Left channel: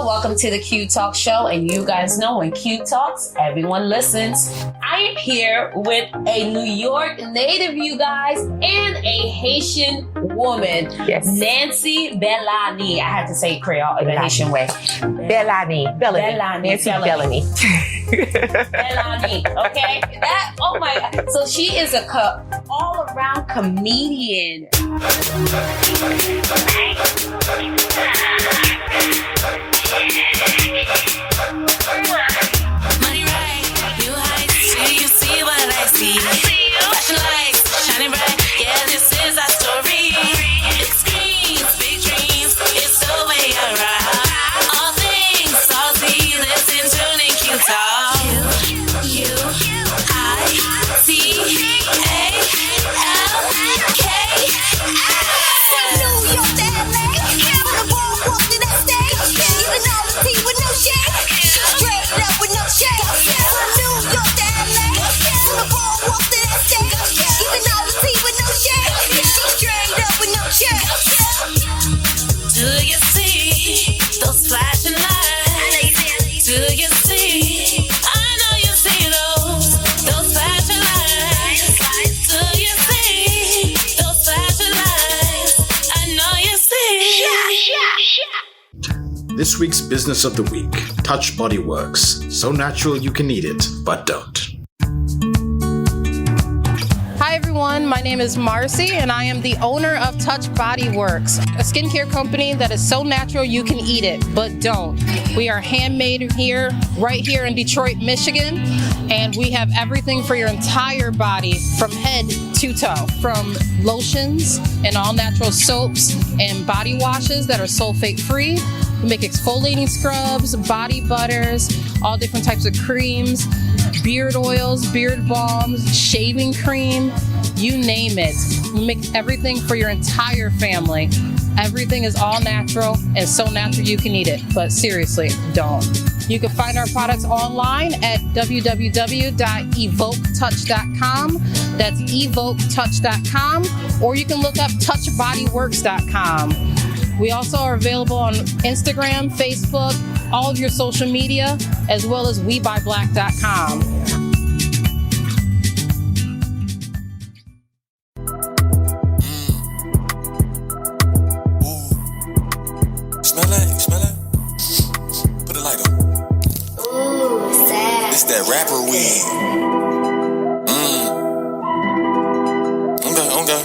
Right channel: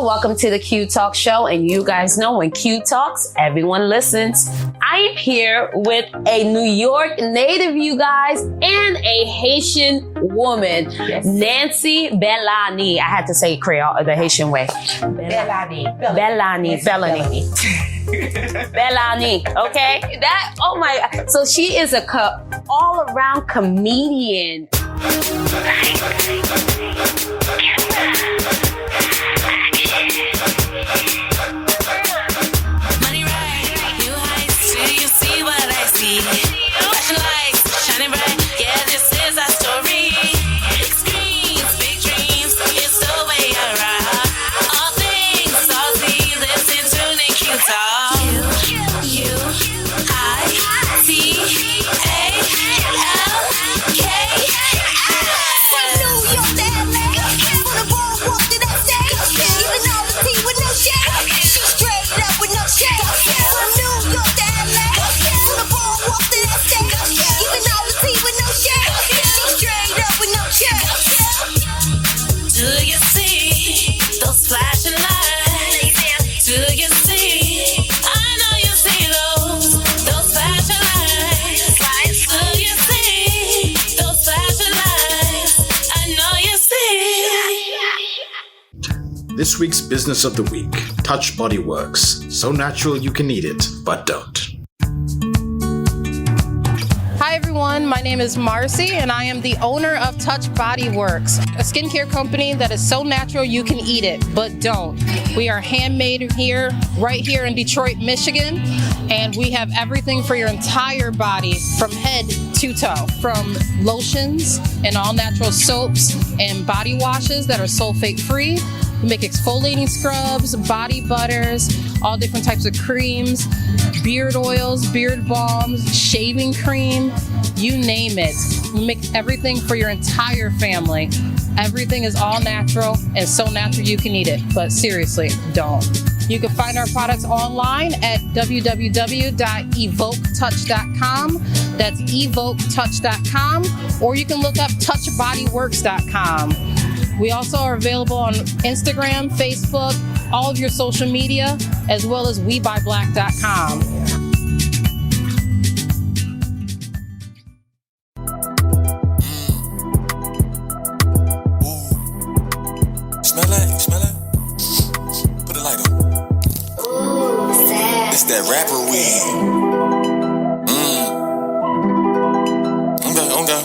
Hello, welcome to the Qui Talks show. And you guys know when Qui Talks, everyone listens. I am here with a New York native, you guys, and a Haitian woman, yes. Nancy Bellany. I had to say Creole the Haitian way. Bellany. Bellany. Okay? Oh my, so she is a all-around comedian. Money right, new heights, do you see what I see? Flashing lights, shining bright, yeah, this is our story. Big screens, big dreams, it's the way I ride. All things saucy, listen to Qui Talks. Do you see those flashing lights? Do you see? I know you see those flashing lights. Do you see those flashing lights? I know you see. This week's business of the week, Touch Body Works. So natural you can eat it, but don't. Hi everyone, my name is Marcy and I am the owner of Touch Body Works, a skincare company that is so natural you can eat it, but don't. We are handmade here, right here in Detroit, Michigan, and we have everything for your entire body from head to toe, from lotions and all natural soaps and body washes that are sulfate free. We make exfoliating scrubs, body butters, all different types of creams, beard oils, beard balms, shaving cream, you name it. We make everything for your entire family. Everything is all natural and so natural you can eat it, but seriously, don't. You can find our products online at www.evoketouch.com. That's evoketouch.com, or you can look up touchbodyworks.com. We also are available on Instagram, Facebook, all of your social media, as well as WeBuyBlack.com. Smell it? Put a light on. Ooh, sad. It's that rapper weed. Okay.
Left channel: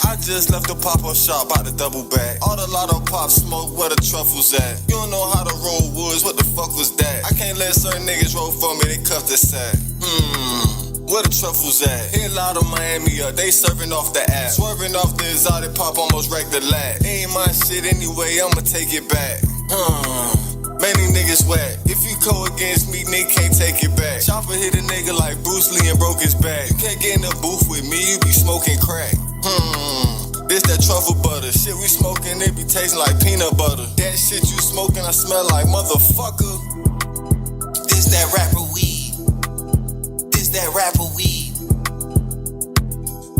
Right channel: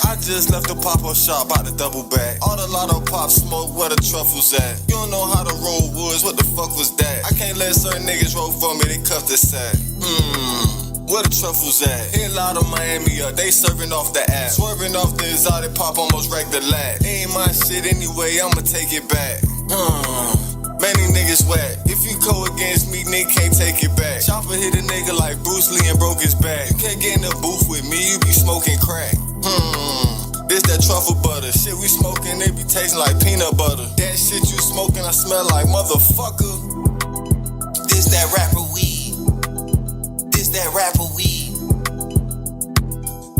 I just left the pop-up shop, about to double back. All the lotto pop smoke, where the truffles at? You don't know how to roll woods, what the fuck was that? I can't let certain niggas roll for me, they cuff the sack. Where the truffles at? Hit a lot of Miami up, they serving off the app. Swerving off the exotic pop, almost wrecked the lap. Ain't my shit anyway, I'ma take it back. Many niggas wet. If you go against me, nigga can't take it back. Chopper hit a nigga like Bruce Lee and broke his back. You can't get in the booth with me, you be smoking crack. This that truffle butter. Shit we smoking, it be tasting like peanut butter. That shit you smoking, I smell like motherfucker. This that rapper weed. This that rapper weed.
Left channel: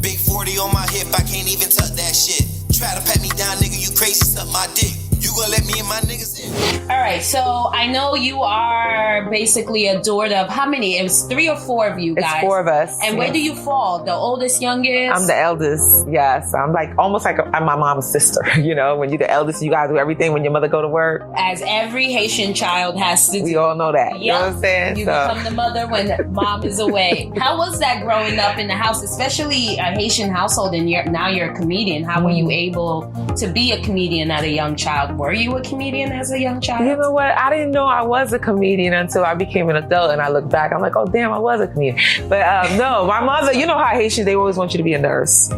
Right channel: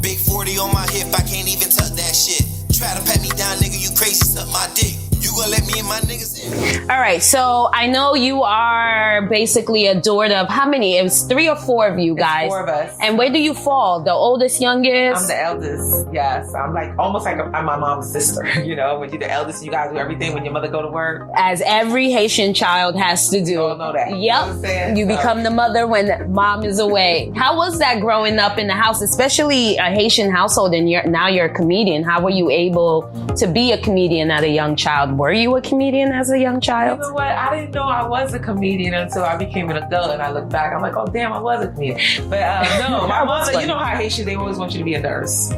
Big 40 on my hip, I can't even tuck that shit. Try to pat me down, nigga, you crazy, suck my dick. You gonna let me and my niggas in? All right, so I know you are basically a daughter of how many? It was 3 or 4 of you guys. It's 4 of us. And where do you fall? The oldest, youngest? I'm the eldest, yes. I'm like almost like I'm my mom's sister. You know, when you're the eldest, you gotta do everything when your mother go to work. As every Haitian child has to do. We all know that. Yep. You know what I'm saying? You become the mother when mom is away. How was that growing up in the house, especially a Haitian household, and now you're a comedian? How were you able to be a comedian at a young child? Were you a comedian as a young child? You know what? I didn't know I was a comedian until I became an adult, and I look back, I'm like, oh damn, I was a comedian. But no, my mother, you know how Haitian, they always want you to be a nurse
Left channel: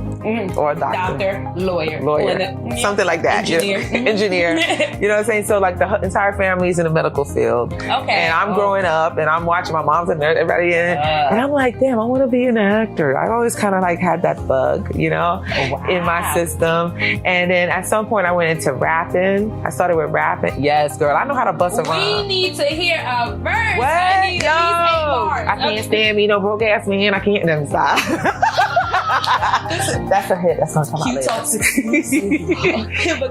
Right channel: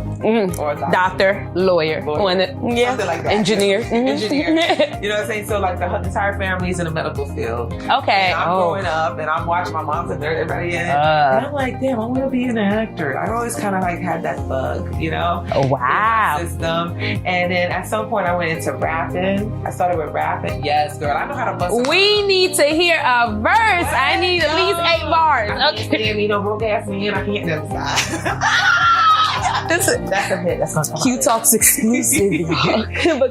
or a doctor, lawyer, something like that. Engineer. Engineer. You know what I'm saying? So like the entire family's in the medical field. Okay. And I'm growing up, and I'm watching my mom's a nurse, everybody in, and I'm like, damn, I want to be an actor. I always kind of like had that bug, you know, in my system. And then at some point, I went into rapping. I started with rapping. Yes, girl, I know how to bust a We need to hear a verse. What? I need at least 8 bars. I can't stand me, no broke ass man. I can't stop. That's a hit. That's on Qui Talks exclusive.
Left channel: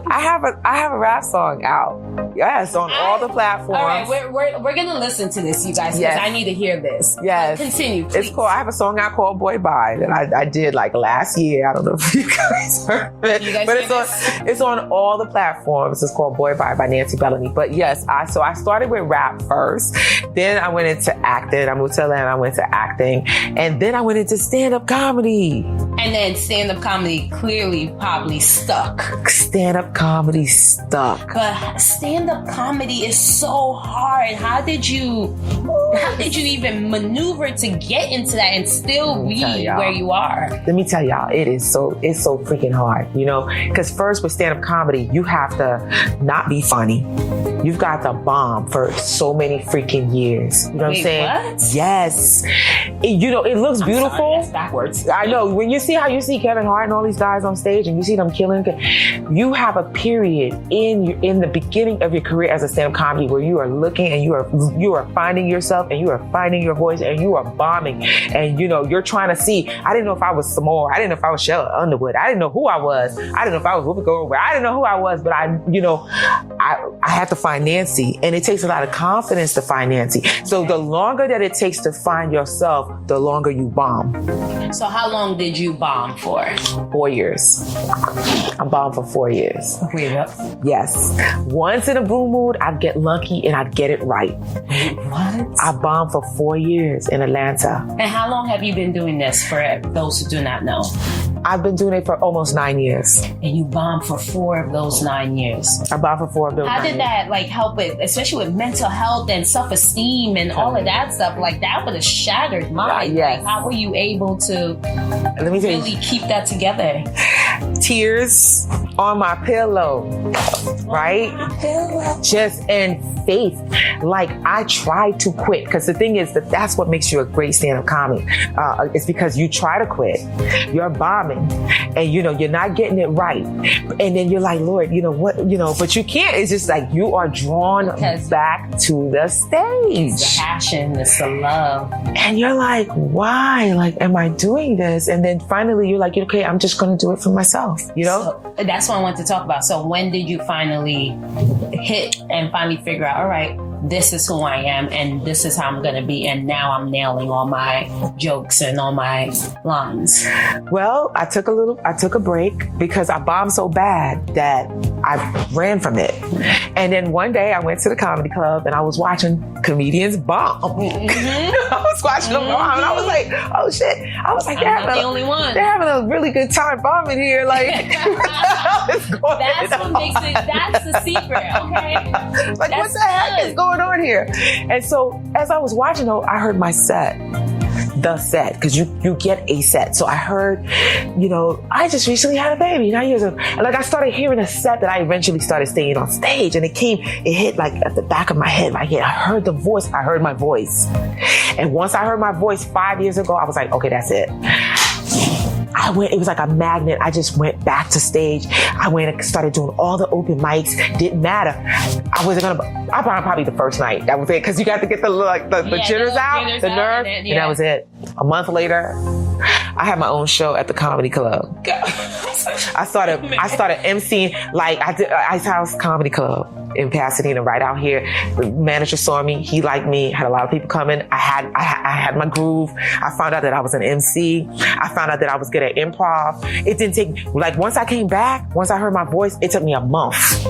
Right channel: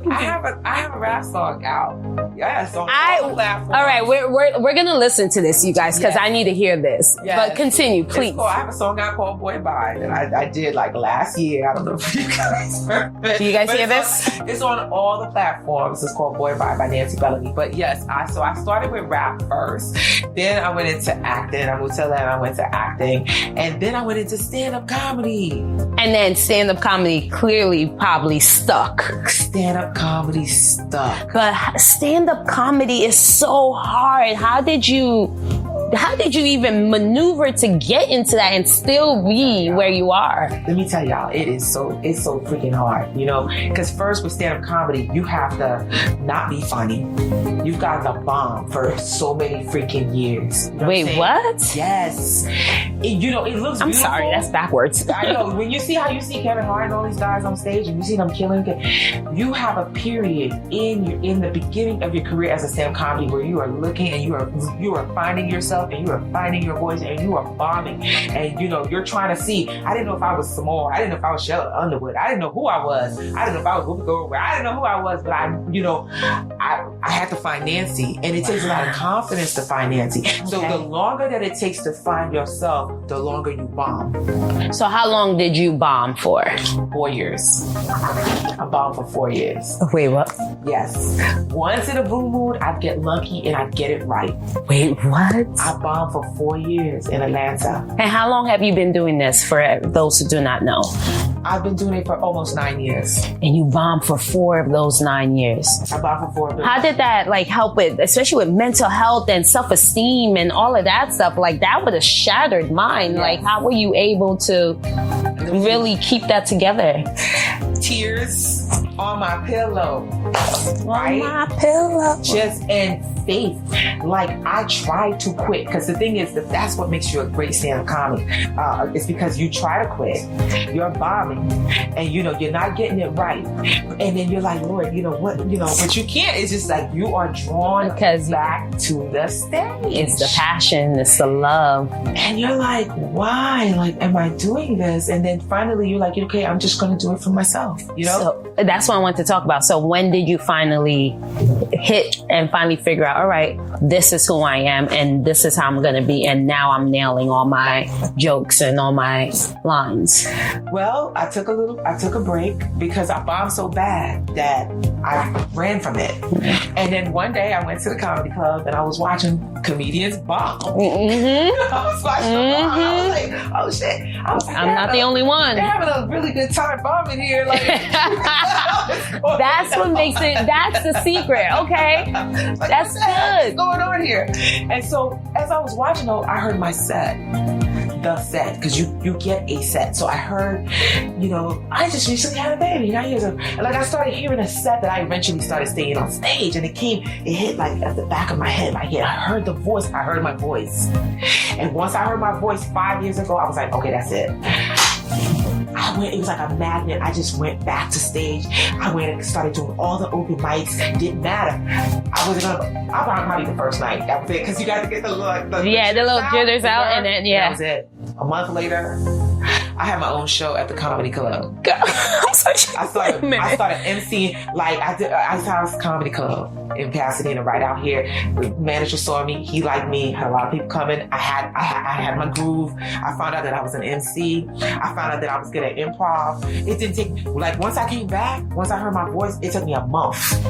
I have a rap song out. Yes, on all the platforms. All right, we're gonna listen to this, you guys, because I need to hear this. Yes. But continue, please. I have a song out called Boy Bye that I did like last year. I don't know if you guys heard it. You guys hear this? It's on all the platforms. It's called Boy Bye by Nancy Bellany. But yes, I started with rap first. Then I went into acting. I moved to Atlanta. I went to acting. And then I went into stand-up comedy. And then stand-up comedy clearly probably stuck. Stand-up comedy stuck. But stand-up comedy is so hard. How did you even maneuver to get into that and still be where you are? Let me tell y'all, it's so freaking hard, you know? Because first with stand-up comedy, you have to not be funny. You've got to bomb for so many freaking years. You know what I'm saying? What? Yes. It looks beautiful. I'm sorry, that's backwards. I know. When you see how you see Kevin Hart and all these guys on stage and you see them killing, you have a period in the beginning of your career as a stand-up comedy where you are looking and you are finding yourself and you are finding your voice and you are bombing and you're trying to see. I didn't know if I was Samore. I didn't know if I was Shella Underwood. I didn't know who I was. I didn't know if I was Whoopi Goldberg. I didn't know who I was, but I had to find Nancy, and it takes a lot of confidence to find Nancy. So the longer that it takes to find yourself, the longer you bomb. So how long did you bomb for? 4 years. I bombed for 4 years. Wait, what? Yes. Once in a blue mood, I'd get lucky and I'd get it right. Wait, what? I bombed for 4 years in Atlanta. And how long have you been doing this, for those who do not know? I've been doing it for almost 9 years. And you bombed for 4 of those 9 years. I bombed for 4 of those. How did that help with, especially with mental health and self-esteem and all of that stuff? Like that would have shattered mine. Yes. Like how were you able to really keep that together? Tears on my pillow, right? On my pillow. Just in faith. Like I tried to quit, because the thing is that's what makes you a great stand-up comic. It's because you try to quit, you're bombing, and you're not getting it right, and then you're like, Lord, but you can't. It's just like you are drawn back to the stage. It's the passion, it's the love, and you're like, why? Like, am I doing this? And then finally, you're like, okay, I'm just going to do it for myself. So that's what I want to talk about. So when did you finally hit and finally figure out, all right, this is who I am and this is how I'm going to be, and now I'm nailing all my jokes and all my lines? Well, I took a break because I bombed so bad that I ran from it. And then one day I went to the comedy club and I was watching comedians bomb. Mm-hmm. I was watching them bomb. And I was like, oh shit. I was like, I'm not the only one. They're having a really good time bombing here. Like, that's what makes it, that's the secret, okay? Like, that's what the heck is going on here? And so as I was watching though, I heard my set. The set, because you get a set. So I heard, I just recently had a baby 9 years ago. And like I started hearing a set that I eventually started staying on stage, and it hit like at the back of my head. I heard the voice, I heard my voice. And once I heard my voice 5 years ago, I was like, okay, that's it. It was like a magnet. I just went back to stage. I went and started doing all the open mics. Didn't matter. I bombed probably the first night. That was it. Because you got to get the jitters out. And that was it. A month later, I had my own show at the comedy club. I started emceeing, like I did Ice House Comedy Club in Pasadena, right out here. The manager saw me, he liked me, had a lot of people coming. I had my groove. I found out that I was an MC. I found out that I was good at improv. It didn't take, like once I came back, once I heard my voice, it took me a month.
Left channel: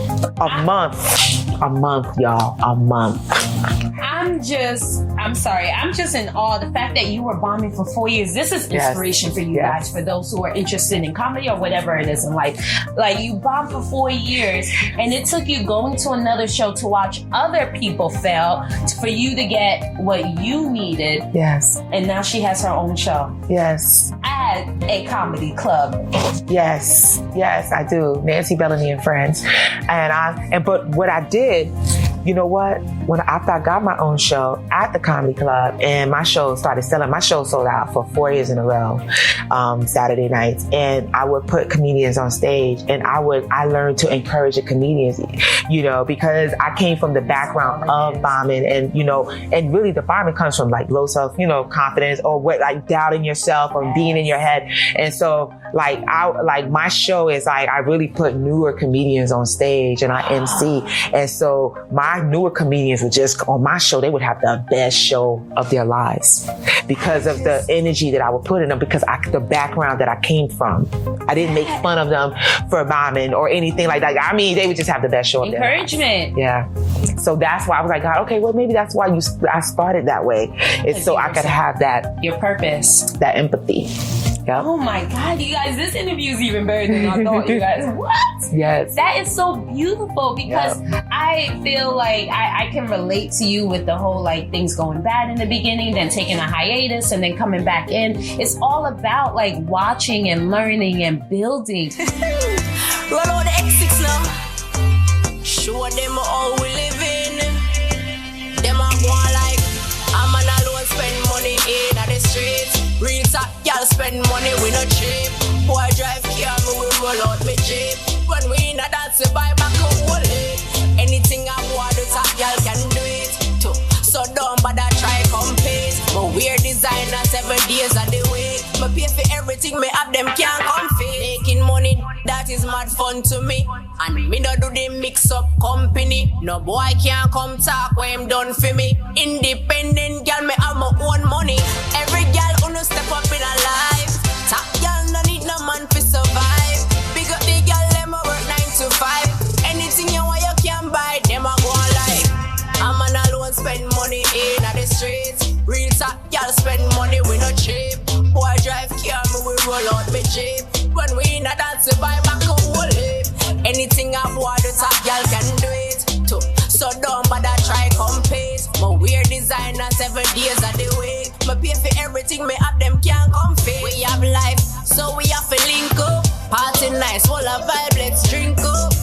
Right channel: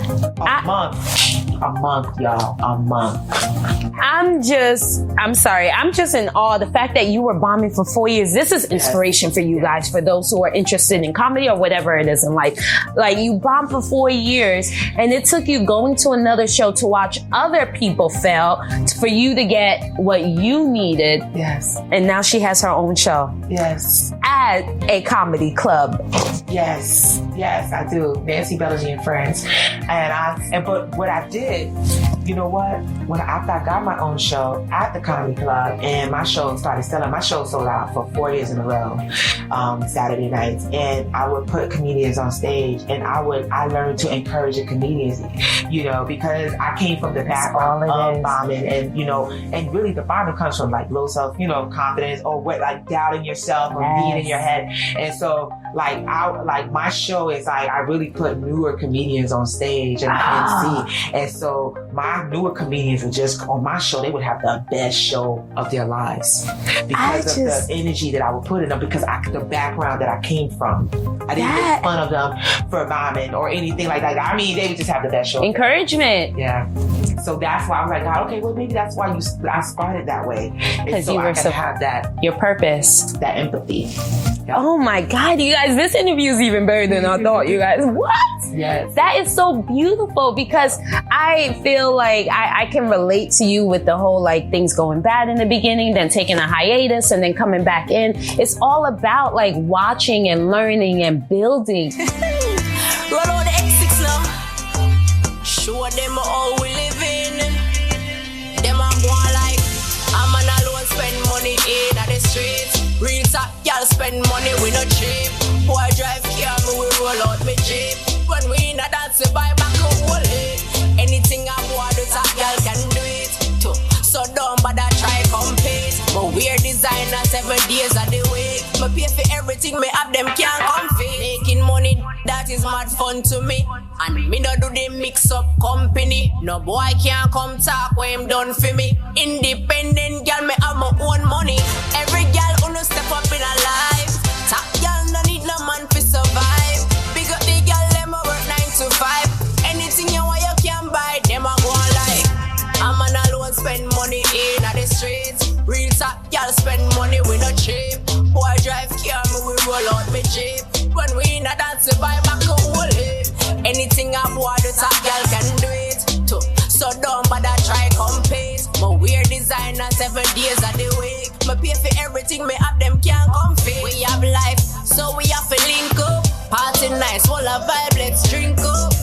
A month, y'all. A month. I'm sorry. I'm just in awe. The fact that you were bombing for 4 years, this is inspiration for you guys, for those who are interested in comedy or whatever it is in life. Like you bombed for 4 years, and it took you going to another show to watch other people fail for you to get what you needed. Yes. And now she has her own show. Yes. At a comedy club. Yes, I do. Nancy Bellany and Friends. But what I did, you know what? After I got my own show at the comedy club and my show started selling, my show sold out for 4 years in a row, Saturday nights. And I would put comedians on stage, and I learned to encourage the comedians, because I came from the background of bombing, and really the bombing comes from like low self, confidence, or what, like doubting yourself or being in your head. And so like my show is like, I really put newer comedians on stage and I MC. And so my newer comedians would just, on my show, they would have the best show of their lives because of the energy that I would put in them, because the background that I came from. I didn't make fun of them for bombing or anything like that. I mean, they would just have the best show. Encouragement. Yeah. So that's why I was like, God, okay, well, maybe that's why I started that way. It's so I could have that. Your purpose. That empathy. Yep. Oh my God, you guys, this interview is even better than I thought, you guys. What? Yes. That is so beautiful because I feel like I can relate to you with the whole like things going bad in the beginning, then taking a hiatus and then coming back in. It's all about like watching and learning and building. Roll on the S6 now. Show them how we living. Them a go like, I'm an alone spend money in the streets. Real top y'all spend money, we no cheap. Boy drive car, me we roll out me Jeep. When we in a dance, we buy back a whole head. Anything I want, the top y'all can do it too. So don't bother try compete. But we're designer 7 days of the week. Me pay for everything, me have them can't compete. Making money, that is mad fun to me. And me no do the mix up company. No boy can't come talk when him done for me. Independent girl, me have my own money. Every girl who no step up in her life. Top girl no need no man to survive. Big up the girl, them a work 9 to 5. Anything you want you can buy, them a go like. I'm an alone spend money in the streets. Real top y'all spend money, we no cheap. Boy drive car, me we roll out me Jeep. When we in a dance, we buy back a whole heap. Anything I want, the top y'all can do it too. So don't bother try compete. My weird designer 7 days of the week. Me pay for everything, me have them can't compete. We have life, so we have to link up. Party nice, full of vibe, let's drink up.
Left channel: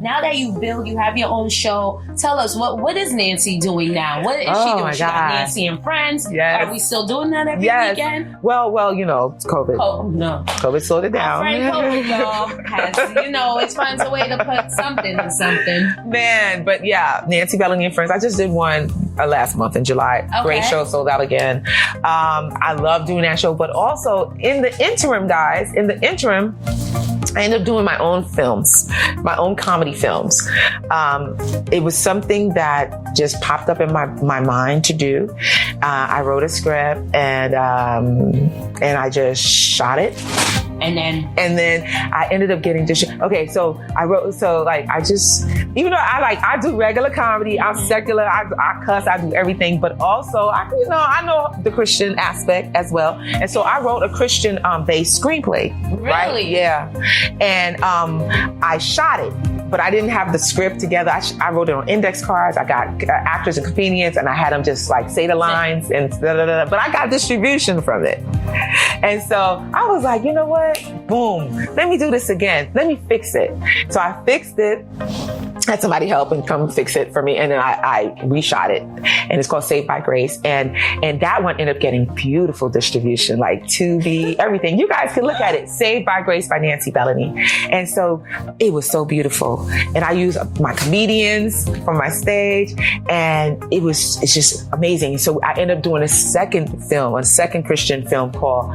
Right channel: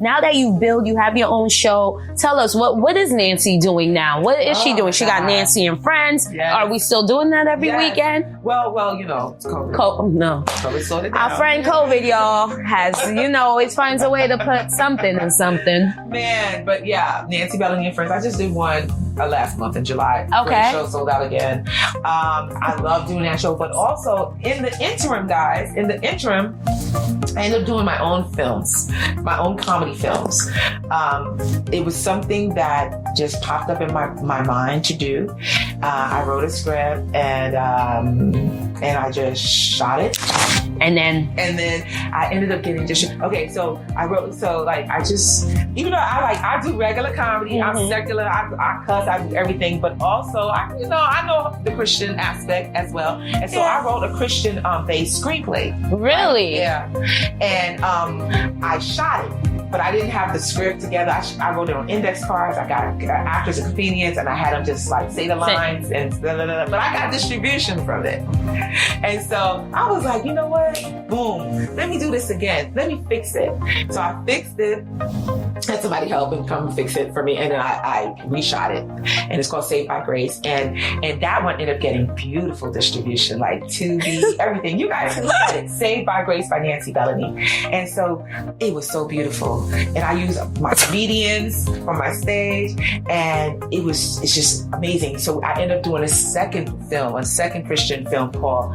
Now that you build, you have your own show. Tell us, what is Nancy doing now? What is she doing? She got Nancy and Friends. Yes. Are we still doing that every weekend? Well, you know, it's COVID. COVID sorted down. Our friend COVID, y'all, has, always finds a way to put something in something. Man, but yeah, Nancy Bellany and Friends. I just did one last month in July. Okay. Great show, sold out again. I love doing that show, but also in the interim, guys, I ended up doing my own films, my own comedy films. It was something that just popped up in my mind to do. I wrote a script and I just shot it. And then I ended up getting okay, so I just, even though I do regular comedy, I'm secular, I cuss, I do everything, but also I know the Christian aspect as well. And so I wrote a Christian based screenplay. Really? Right? Yeah. And I shot it, but I didn't have the script together. I wrote it on index cards. I got actors and comedians, and I had them just like say the lines and but I got distribution from it. And so I was like, you know what? Boom. Let me do this again. Let me fix it. So I fixed it. Had somebody help and come fix it for me, and then I reshot it, and it's called Saved by Grace, and that one ended up getting beautiful distribution, like Tubi, everything. You guys can look at it. Saved by Grace by Nancy Bellany, and so it was so beautiful. And I used my comedians from my stage, and it's just amazing. So I ended up doing a second Christian film called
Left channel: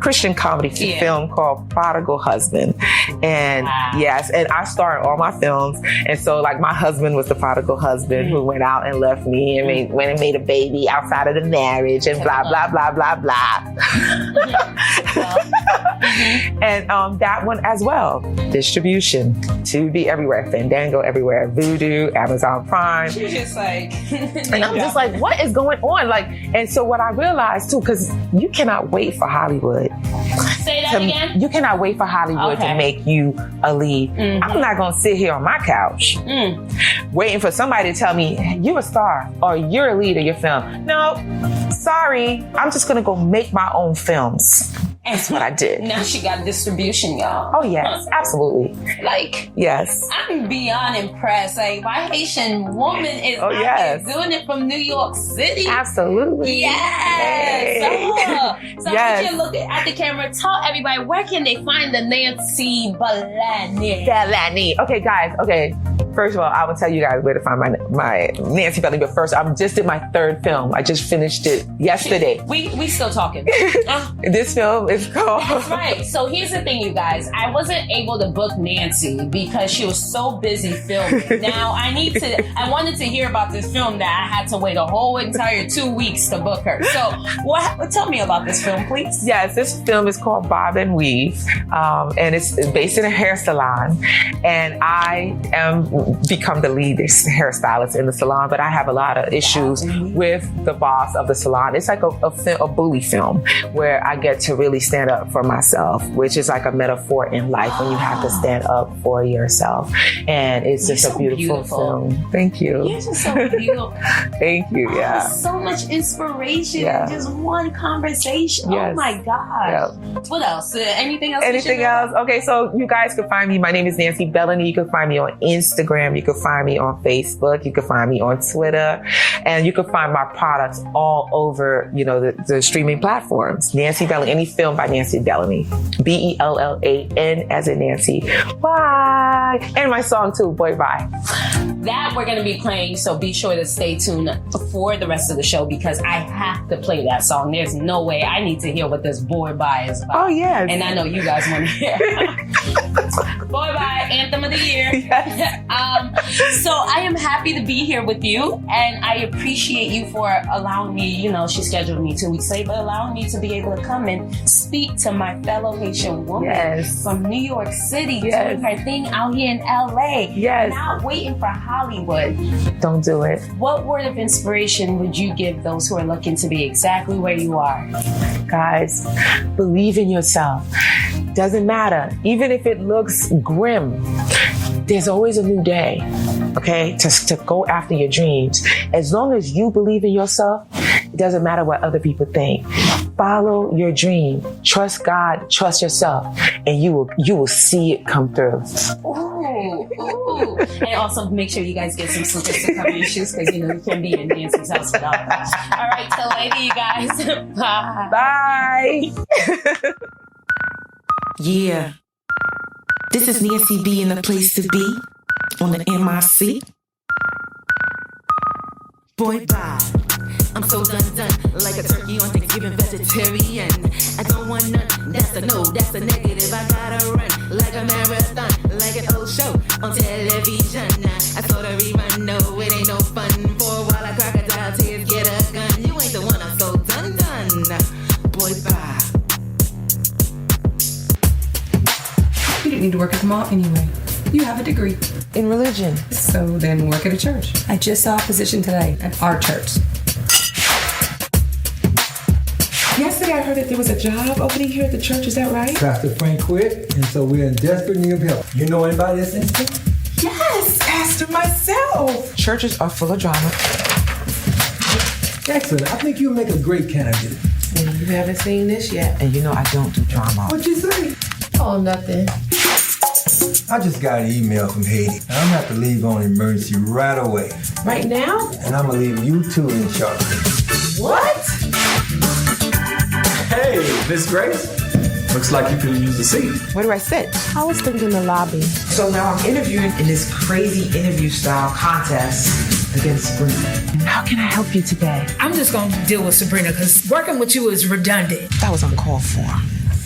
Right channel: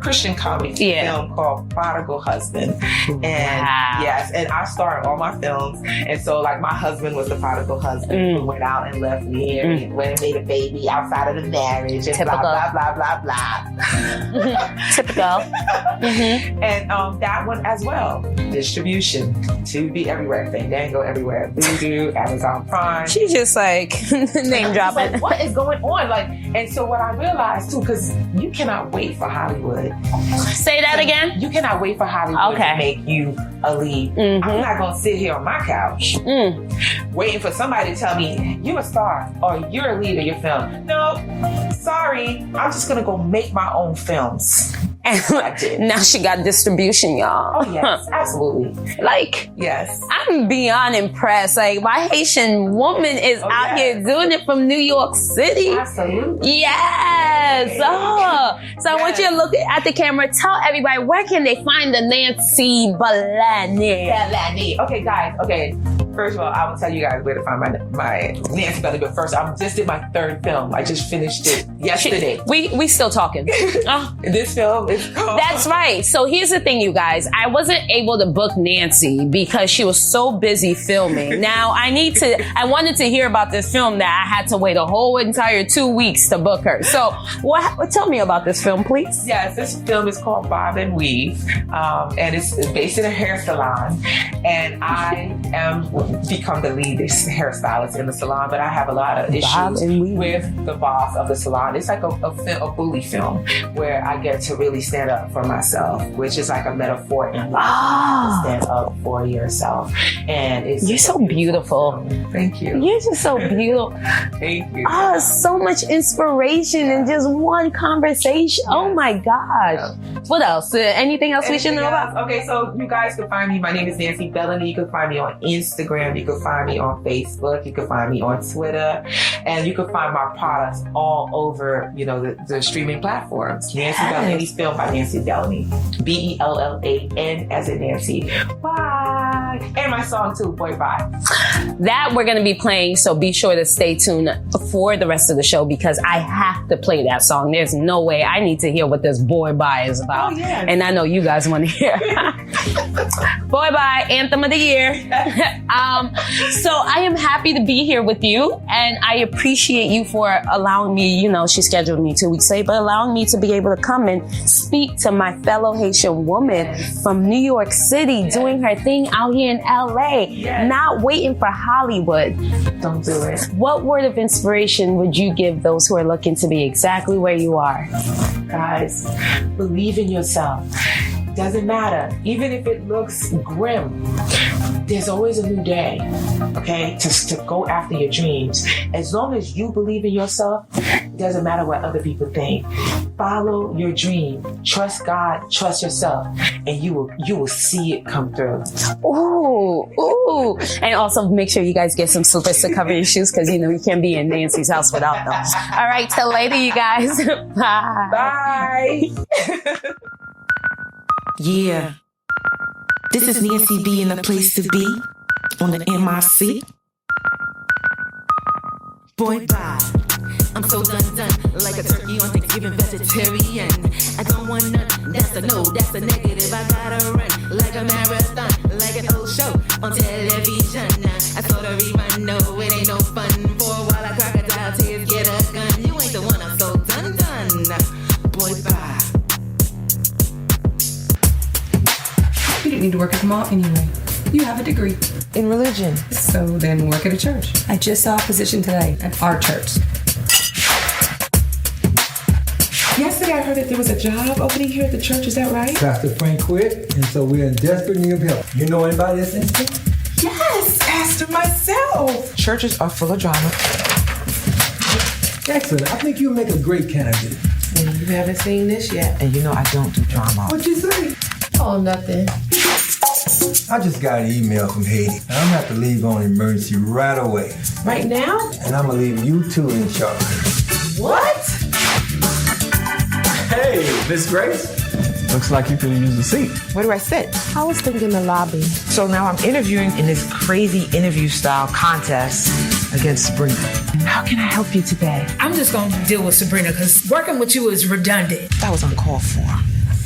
Christian comedy film called Prodigal Husband, and yes, and I star in all my films. And so like my husband was the prodigal husband who went out and left me and went and made a baby outside of the marriage and blah, blah, blah, blah, blah. And that one as well. Distribution. Tubi everywhere. Fandango everywhere. Voodoo, Amazon Prime. She's just like, and I'm just like, what is going on? Like, and so what I realized too, because you cannot wait for Hollywood. Say that again? You cannot wait for Hollywood to make you a lead. I'm not going to sit here on my couch waiting for somebody to tell me you're a star or you're a lead in your film. No, sorry. I'm just going to go make my own films. That's what I did. Now she got distribution, y'all. Oh, yes. Absolutely. Like, yes. I'm beyond impressed. Like, my Haitian woman is out here doing it from New York City. Absolutely. Yes. So what you're looking at the camera, tell everybody, where can they find the Nancy Bellany? Okay, guys. Okay. First of all, I will tell you guys where to find my Nancy Bellany. But first, I just did my third film. I just finished it yesterday. We still talking. This film is called... That's right. So here's the thing, you guys. I wasn't able to book Nancy because she was so busy filming. Now, I wanted to hear about this film that I had to wait a whole entire 2 weeks to book her. So tell me about this film, please. Yes, this film is called Bob and Weave. And it's based in a hair salon. And I become the lead hairstylist in the salon, but I have a lot of issues with the boss of the salon. It's like a bully film where I get to really stand up for myself, which is like a metaphor in life when you have to stand up for yourself. And it's just a beautiful film. Thank you. You're just so beautiful. Thank you. Yeah. So much inspiration in just one conversation. Yes. Oh my gosh. Yeah. What else? Anything else we should know about? Okay, so you guys can find me. My name is Nancy Bellany. You can find me on Instagram. You can find me on Facebook. You can find me on Twitter. And you can find my products all over, the streaming platforms. Nancy Bellany. Any film by Nancy Bellany. Bellan as in Nancy. Bye. And my song too, Boy Bye. That we're going to be playing, so be sure to stay tuned for the rest of the show because I have to play that song. There's no way. I need to hear what this Boy Bye is about. Oh, yes. And I know you guys want to hear. Boy Bye, Anthem of the Year. So I am happy to be here with you, and I appreciate you for allowing me, she scheduled me 2 weeks late, but allowing me to be able to come and speak to my fellow Haitian woman from New York City, doing her thing out here in LA, not waiting for Hollywood. Don't do it. What word of inspiration would you give those who are looking to be exactly where you are? Guys, believe in yourself. Doesn't matter. Even if it looks grim, there's always a new day, okay? To go after your dreams. As long as you believe in yourself, it doesn't matter what other people think. Follow your dream. Trust God, trust yourself, and you will see it come through. Ooh. And also make sure you guys get some slippers to cover your shoes because you can't be in Nancy's house without them. All right, till later, you guys. Bye. Yeah. This is Nancy B in the place to be on the MIC. Boy, bye. I'm so done, like a turkey on Thanksgiving, vegetarian. I don't want none, that's a no, that's a negative. I gotta run like a marathon, like an old show on television. I saw the rerun, no, it ain't no fun. For a while, I crocodile tears, get a gun. You ain't the one, I'm so done. Boy, bye. You didn't need to work at the mall anyway. You have a degree in religion. So then work at a church. I just saw a position today at our church. Yesterday I heard that there was a job opening here at the church, is that right? Pastor Frank quit, and so we're in desperate need of help. You know anybody that's interested? Yes, Pastor, myself. Churches are full of drama. Excellent. I think you'll make a great candidate. And you haven't seen this yet. And I don't do drama. What'd you say? Oh, nothing. I just got an email from Haiti. And I'm gonna have to leave on emergency right away. Right now? And I'm gonna leave you two in charge. What? Hey, Miss Grace. Looks like you could use a seat. Where do I sit? I was thinking the lobby. So now I'm interviewing in this crazy interview style contest against Sabrina. How can I help you today? I'm just going to deal with Sabrina because working with you is redundant. That was uncalled for.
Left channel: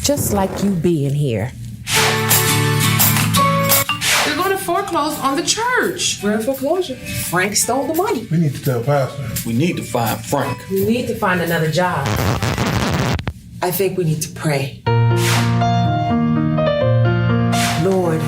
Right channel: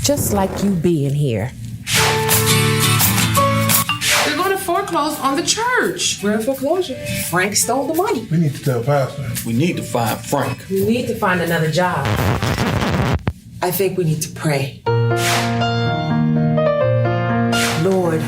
Just like you being here. They're going to foreclose on the church. We're in foreclosure. Frank stole the money. We need to tell Pastor. We need to find Frank. We need to find another job. I think we need to pray. Lord,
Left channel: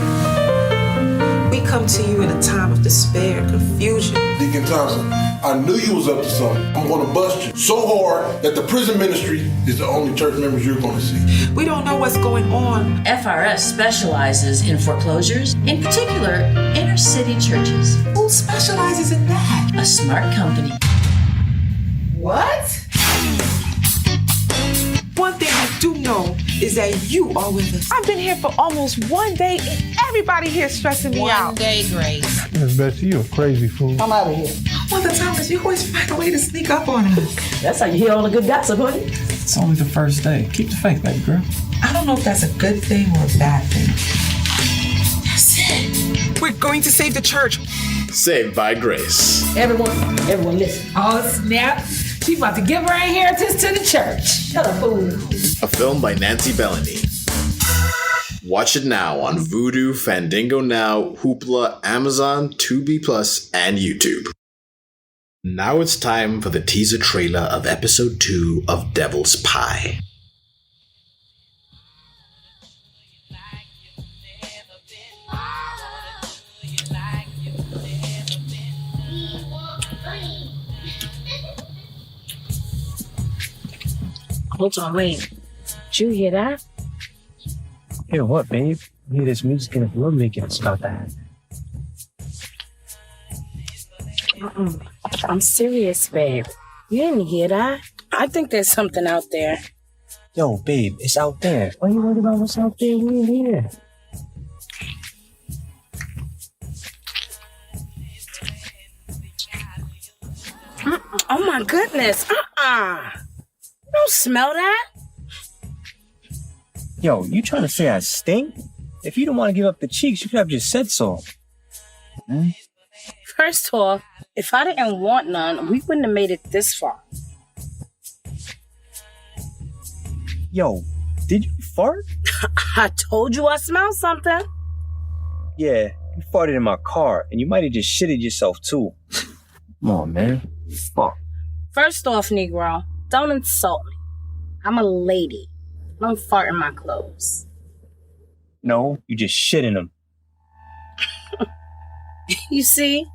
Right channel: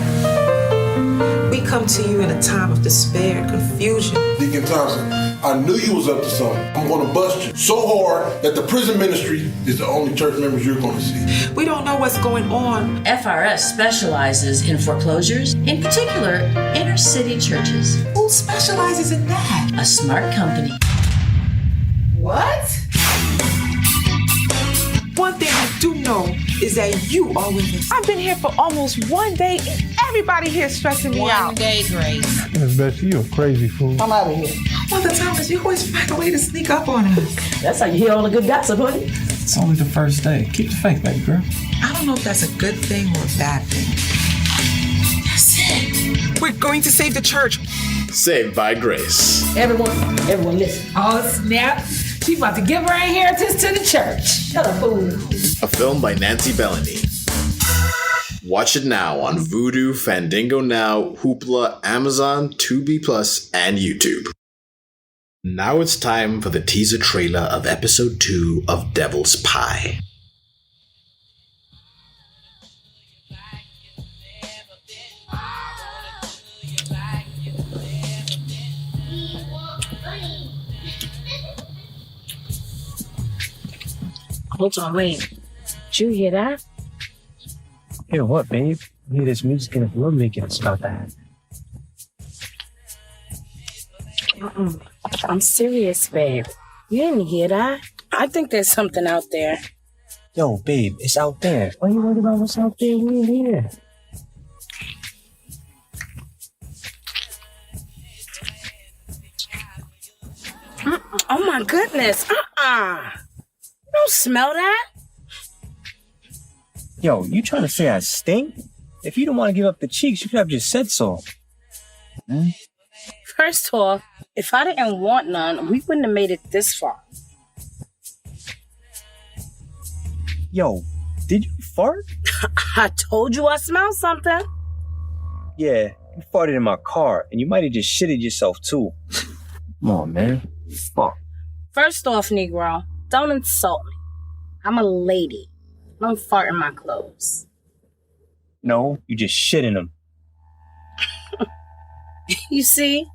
we come to you in a time of despair and confusion. Deacon Thompson, I knew you was up to something. I'm going to bust you so hard that the prison ministry is the only church members you're going to see. We don't know what's going on. FRS specializes in foreclosures, in particular, inner city churches. Who specializes in that? A smart company. What? One thing I do know is that you are with us. I've been here for almost 1 day and everybody here is stressing me out. 1 day, Grace. Miss Betsy, you a crazy fool. I'm out of here. Mother Thomas, you always find a way to sneak up on us. That's how you hear all the good gossip, honey. It's only the first day. Keep the faith, baby girl. I don't know if that's a good thing or a bad thing. That's it. We're going to save the church. Saved by Grace. Everyone listen. Oh, snap. She about to give her inheritance to the church. Shut up, fool. A film by Nancy Bellany. Watch it now on Vudu, Fandango Now, Hoopla, Amazon, Tubi Plus, and YouTube. Now it's time for the teaser trailer of episode 2 of Devil's Pie. Hold on, wait. Did you hear that? Hear what, babe? I hear this music and love making. It's about that. I'm serious, babe. You didn't hear that? I think there's something out there. Yo, babe, it's out there. Why you worried about what's out there? We ain't here. Oh my goodness. You don't smell that? Yo, you trying to say I stink? If you don't want to give up the cheeks, you could have just said so. First off, if I didn't want none, we wouldn't have made it this far. Yo, did you fart? I told you I smelled something. Yeah, you farted in my car, and you might have just shitted yourself too. Come on, man. Fuck. First off, Negro, don't insult me. I'm a lady. Don't fart in my clothes. No, you just shit in them. You see?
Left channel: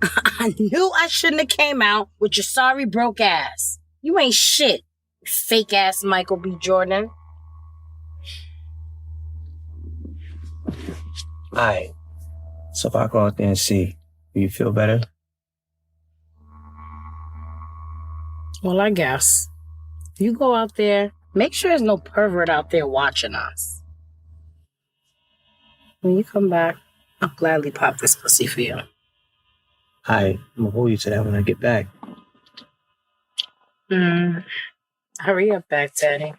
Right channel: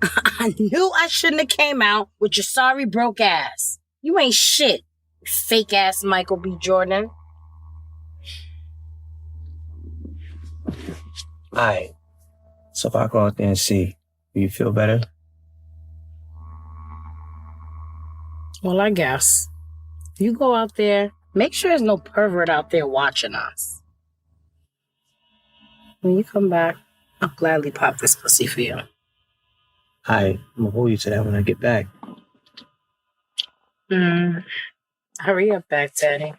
I knew I shouldn't have came out with your sorry broke ass. You ain't shit, fake ass Michael B. Jordan. Alright. So if I go out there and see, do you feel better? Well, I guess. You go out there, make sure there's no pervert out there watching us. When you come back, I'll gladly pop this pussy for you. Alright, I'm gonna hold you to that when I get back. Hurry up, back daddy.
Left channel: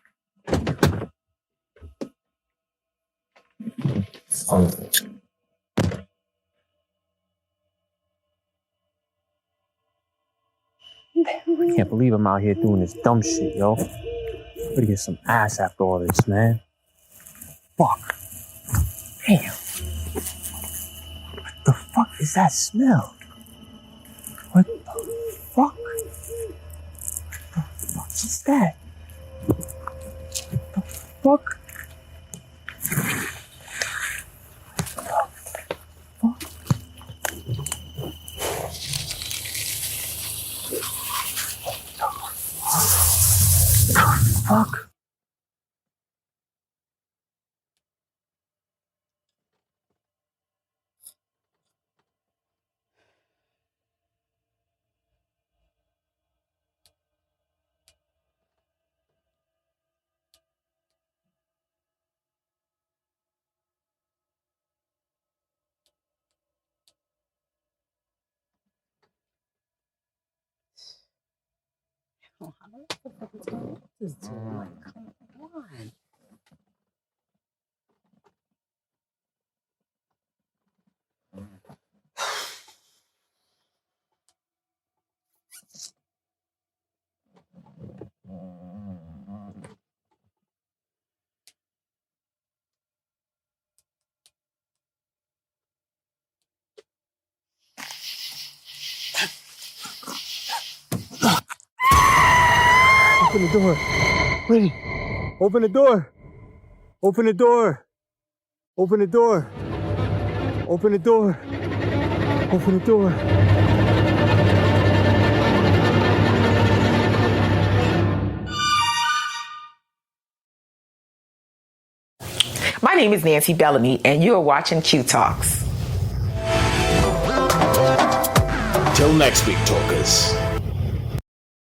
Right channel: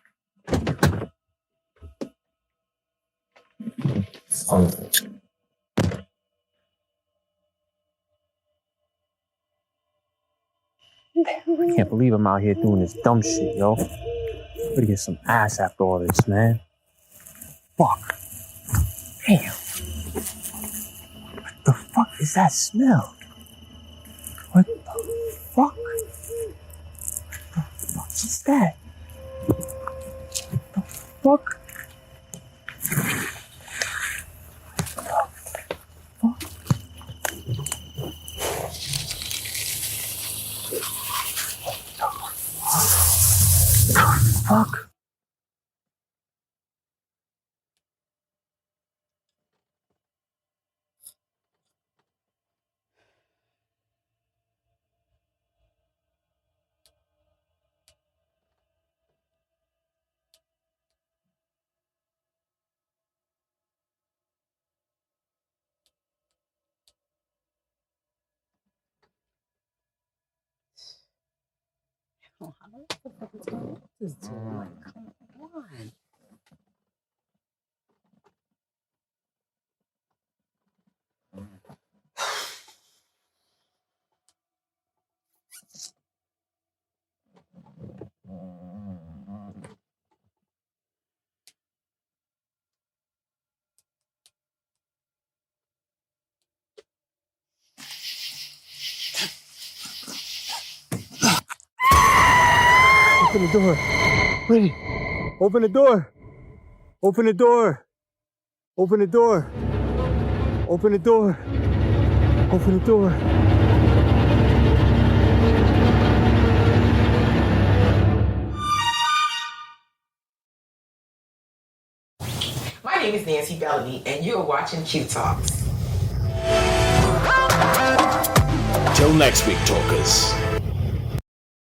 I can't believe I'm out here doing this dumb shit, yo. I'm gonna get some ass after all this, man. Fuck. Damn. What the fuck is that smell? What the fuck? What the fuck is that? What the fuck? Fuck. Open the door. Wait. Open the door. Open the door. Open the door. Open the door. Open the door. My name is Nancy Bellany, and you're watching Qui Talks. Till next week, talkers.